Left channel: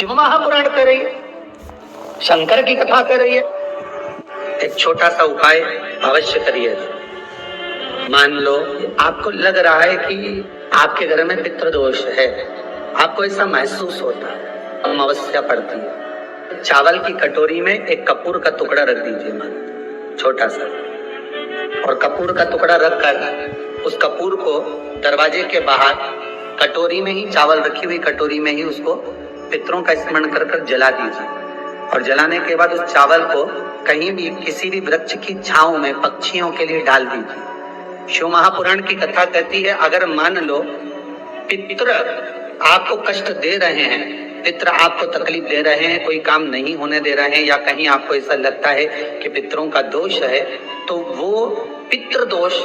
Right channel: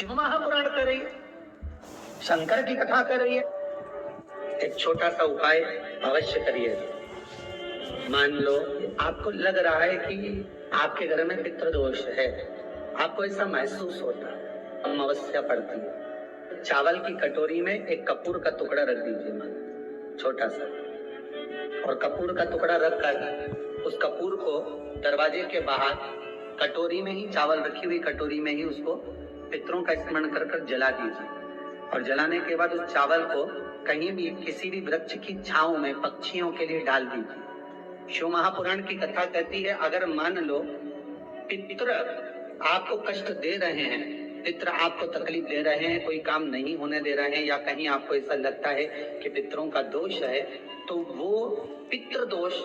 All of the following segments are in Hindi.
शिव महापुराण कर रही है, शंकर की कथा कर रही है। एक छोटा सा उपाय अवश्य करिए। मान लो आपको लग रहा है कि आपके घर में पितृदोष है, आपको ऐसा महसूस होता है, अमावस्या पड़ती है, चावल की कटोरी में एक कपूर का टुकड़ा रख दीजिए, मान छोटा सा, और कपूर का टुकड़ा रखकर उस कपूर को दरवाजे के बाहर कटोरी में ही, चावल रखी हुई कटोरी में ही उसको पितरों का स्मरण कर कर जला दीजिए। और जलाने के बाद उस चावल को कहीं भी किसी भी वृक्ष की छांव में पक्षियों के लिए डाल दीजिए। शिव महापुराण की कथा कहती है, अगर मान लो पितृ आपको कष्ट दे रहे हैं, पितृ आपको तकलीफ दे रहे हैं, कोई काम नहीं होने दे रहे हैं, या कहीं आपको ऐसा लगता है कि पितरों का दोष है, तो वो पितृ दोष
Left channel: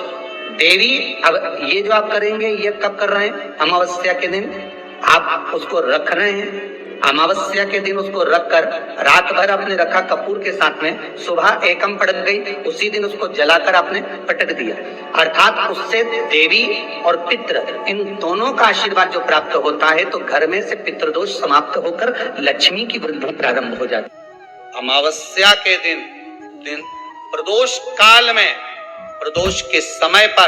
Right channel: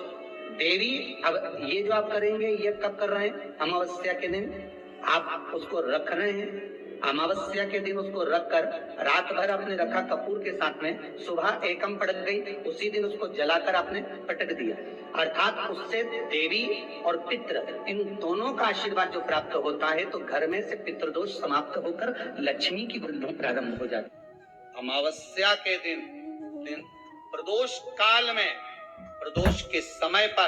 देवी, अब ये जो आप करेंगे ये कब कर रहे हैं? अमावस्या के दिन आप उसको रख रहे हैं। अमावस्या के दिन उसको रखकर रात भर आपने रखा कपूर के साथ में, सुबह एकम पड़ गई, उसी दिन उसको जलाकर आपने पटक दिया। अर्थात उससे देवी और पितृ इन दोनों का आशीर्वाद जो प्राप्त होता है, तो घर में से पितृदोष समाप्त होकर लक्ष्मी की वृद्धि प्रारंभ हो जाती है। अमावस्या के दिन प्रदोष काल में, प्रदोष के समय पर,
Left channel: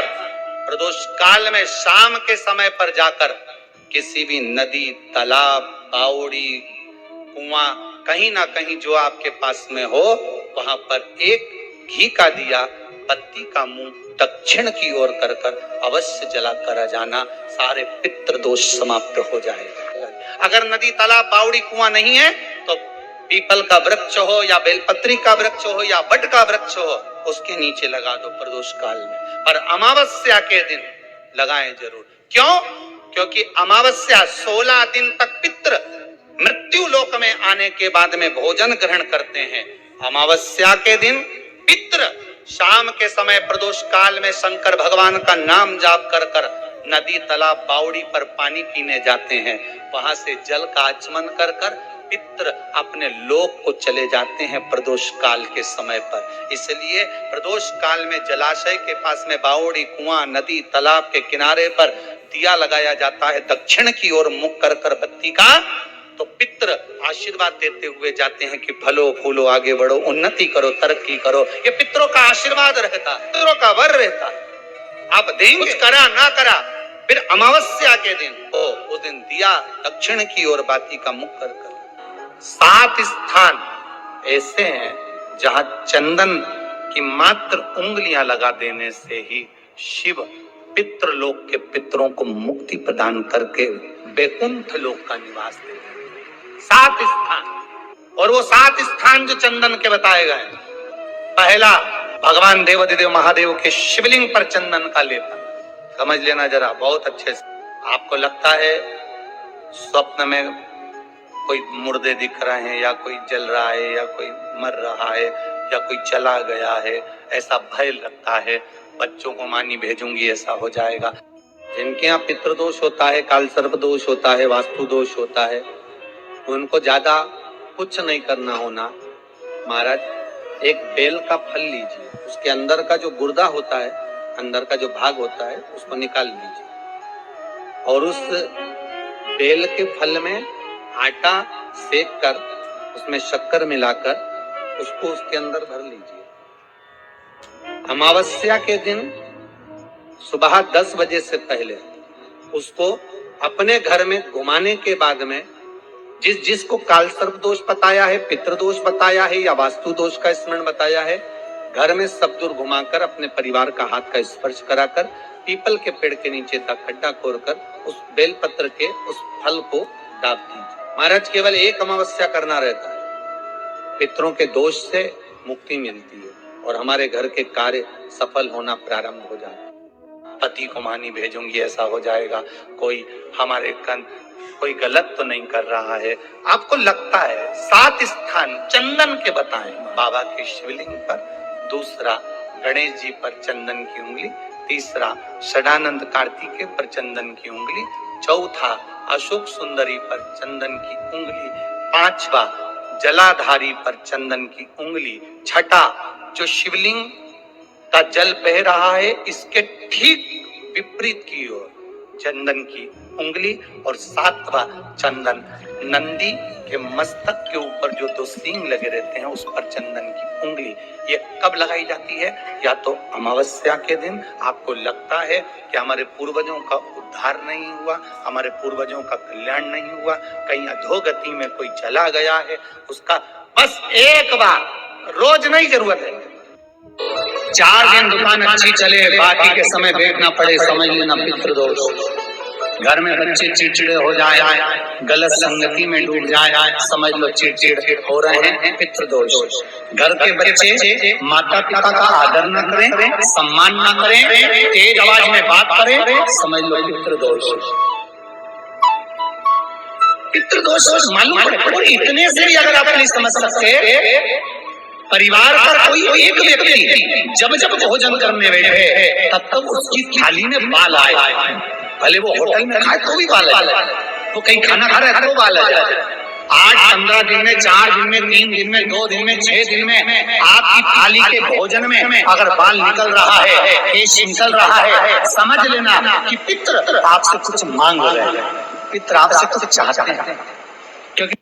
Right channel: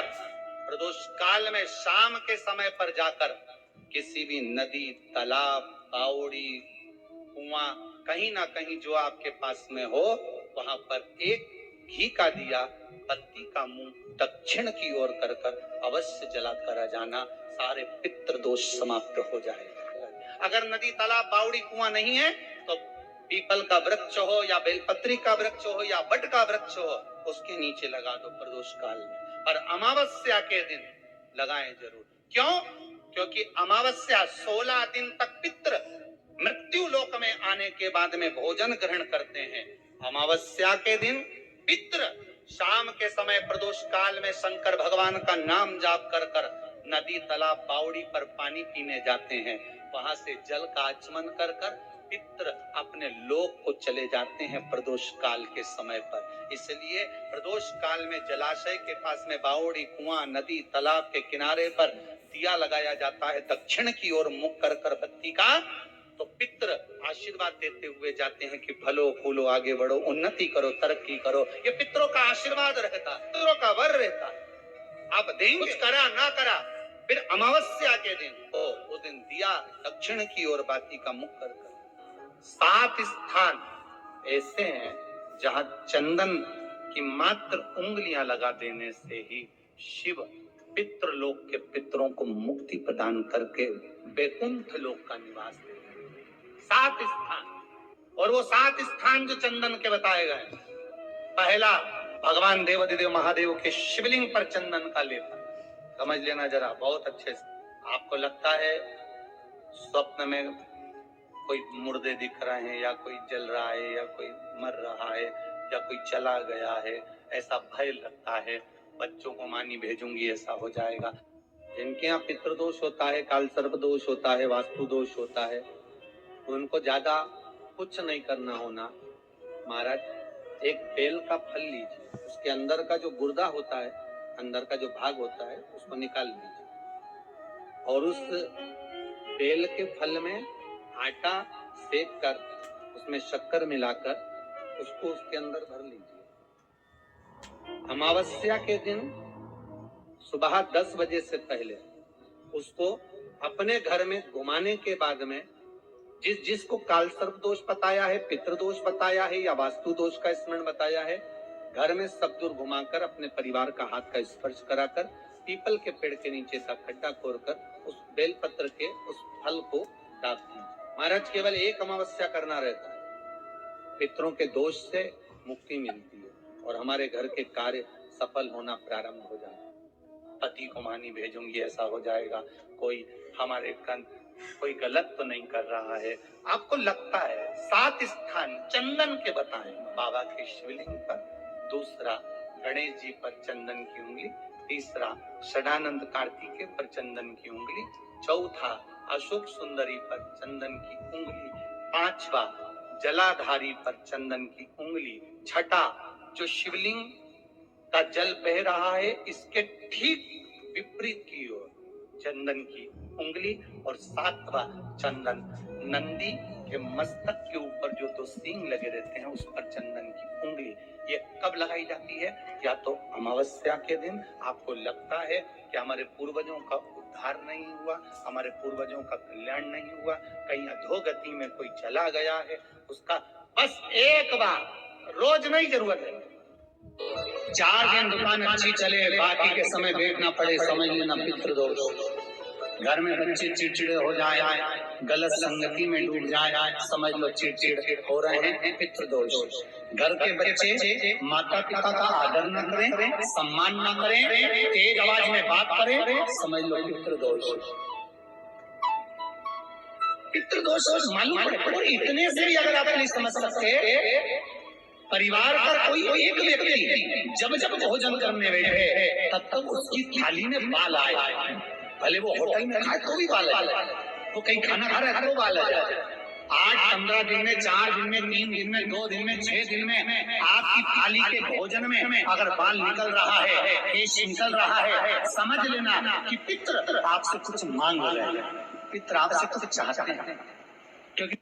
प्रदोष काल में शाम के समय पर जाकर किसी भी नदी, तालाब, बावड़ी, कुआं, कहीं ना कहीं जो आपके पास में हो, वहां पर एक घी का दिया, बत्ती का मुंह दक्षिण की ओर कर कर अवश्य जला कर जाना, सारे पितृदोष समाप्त हो जाएगा। अगर नदी, तालाब, बावड़ी, कुआं नहीं है तो पीपल का वृक्ष हो या बेलपत्री का वृक्ष हो या बट का वृक्ष हो, उसके नीचे लगा दो प्रदोष काल में। पर अमावस्या के दिन लगाएं जरूर। क्यों? क्योंकि अमावस्या 16 दिन तक पितृ मृत्यु लोक में आने के बाद में भोजन ग्रहण करते हैं। अमावस्या के दिन पितृ शाम के समय प्रदोष काल में शंकर भगवान का नाम जाप कर कर नदी, तालाब, बावड़ी पर पानी पीने जाते हैं। वहां से जल का आचमन कर कर पितृ अपने लोक को चले जाते हैं प्रदोष काल के समय पर। इसलिए प्रदोष काल में जलाशय के पास में बावड़ी, कुआं, नदी, तालाब के किनारे पर दिया लगाया जाता है, दक्षिण की ओर मुख कर कर बत्ती का, तो पितृ आशीर्वाद देते हुए जाते हैं कि फलो फूलो, आगे बढ़ो, उन्नति करो, तरक्की करो। ये पितरों का आशीर्वाद रहता, पितरों का वर रहता। आप देंगे, कुछ करा ना करा, फिर अमावस्या के दिन उस दिन दिया दक्षिण की ओर बाती का मुख कर कर। 7 स्थान ऐसे हैं जहां चंदन की मात्र उंगलियां लगा देने से ही शिव पितृलोक के पितरों को मुक्ति प्रदान करके वैकुंठ लोक का निवास देते हैं। 7 स्थान, और वो 7 स्थान जो चंदन के बताए गए, पहला भगवान देवाधिदेव महादेव के शिवलिंग पर चंदन का लेपन। समझ लेना जरा बहुत अच्छे से। आपको लगता है स्वप्न में कोई मुर्दे दिख रहे हैं, या कोई जल रहा है, या कोई मर रहा है, या कोई चला गया है, ऐसा भय लगता है, बच्चों को मानी भेजूंगी ऐसा हो जाएगा। जिनके यहाँ पितृदोष होता है, काल सर्प दोष होता है, वास्तु दोष होता है, उनको ज्यादा कुछ नहीं करना होना। महाराज एक बेल का फल लीजिए, उसके अंदर का जो गुर्दा होता है, अंदर का जो भाग होता है, उसको निकाल लीजिए, और उस बेल के फल में आटा सेक कर उसमें शक्कर मिलाकर उसको उसके अंदर भर लीजिए। अमावस्या के दिन सुबह 10 बजे से पहले उसको अपने घर में घुमाने के बाद में, जिसको काल सर्प दोष बताया है, पितृदोष बताया है, या वास्तु दोष का स्मरण बताया है, घर में सब दूर घुमाकर अपने परिवार का हाथ का स्पर्श कराकर पीपल के पेड़ के नीचे तक खड्डा खोदकर उस बेलपत्र के उस फल को दाब दीजिए। महाराज केवल एक अमावस्या करना रहता है, पितरों के दोष से मुक्ति मिलती है और हमारे घर के कार्य सफल होना प्रारंभ हो जाता है। पति को मानी भेजूंगी ऐसा हो जाएगा। कोई हमारे कोई गलत तो नहीं कर रहा है, आपको लगता है। 7 स्थान चंदन के बताएं, बाबा के शिवलिंग पर, दूसरा गणेश जी पर चंदन की उंगली, तीसरा षडानंद कार्तिकेय पर चंदन की उंगली, चौथा अशोक सुंदरी पर चंदन की उंगली, 5वां जलाधारी पर चंदन की उंगली, छठा जो शिवलिंग का जल बह रहा है इसके ठीक विपरीत की ओर चंदन की उंगली, और 7वां चंदन नंदी के मस्तक के ऊपर जो दो सींग लगे रहते हैं उस पर चंदन की उंगली, ये कब लगाई जाती है? या तो अमावस्या के दिन आपको लगता है कि हमारे पूर्वजों का उद्धार नहीं हुआ, हमारे पूर्वजों का कल्याण नहीं हुआ, कहीं अधोगति में कोई चला गया है, उसका बस एक बार, रोज नहीं जरूरत है, 4 दिन दुकान अच्छी चले, बाकी के समय देखना पड़े, समझ लेना पितृदोष। घर में बच्चे चिड़चिड़े हो जाए, गलत संगति में डूब जाए, समझ लो चिड़चिड़ हो रहे हैं, पितृदोष। घर के बच्चे माता पिता का आदर न करें, सम्मान न करें, तेज आवाज में बात करें, समझ लो पितृदोष। पितृदोष मालूम पड़े, इतने से भी अगर आप नहीं समझ सकते, परिवार का कोई एक व्यक्ति जब जब भोजन करने बैठे तब तक उसकी थाली में बाल आए, भले वो होटल में खाए तो भी बाल आए, वो कहीं खाना खा रहा है तो बाल आ जाए। 8, 15 दिन में, 4 दिन में, 3 दिन में, 2 दिन में, 6 दिन में आपकी थाली के भोजन में अगर बाल निकल रहा है, केश निकल रहा है, समझ लेना कि पितृ आपसे कुछ मांग रहे हैं, पितृ आपसे कुछ चाहते हैं, क्योंकि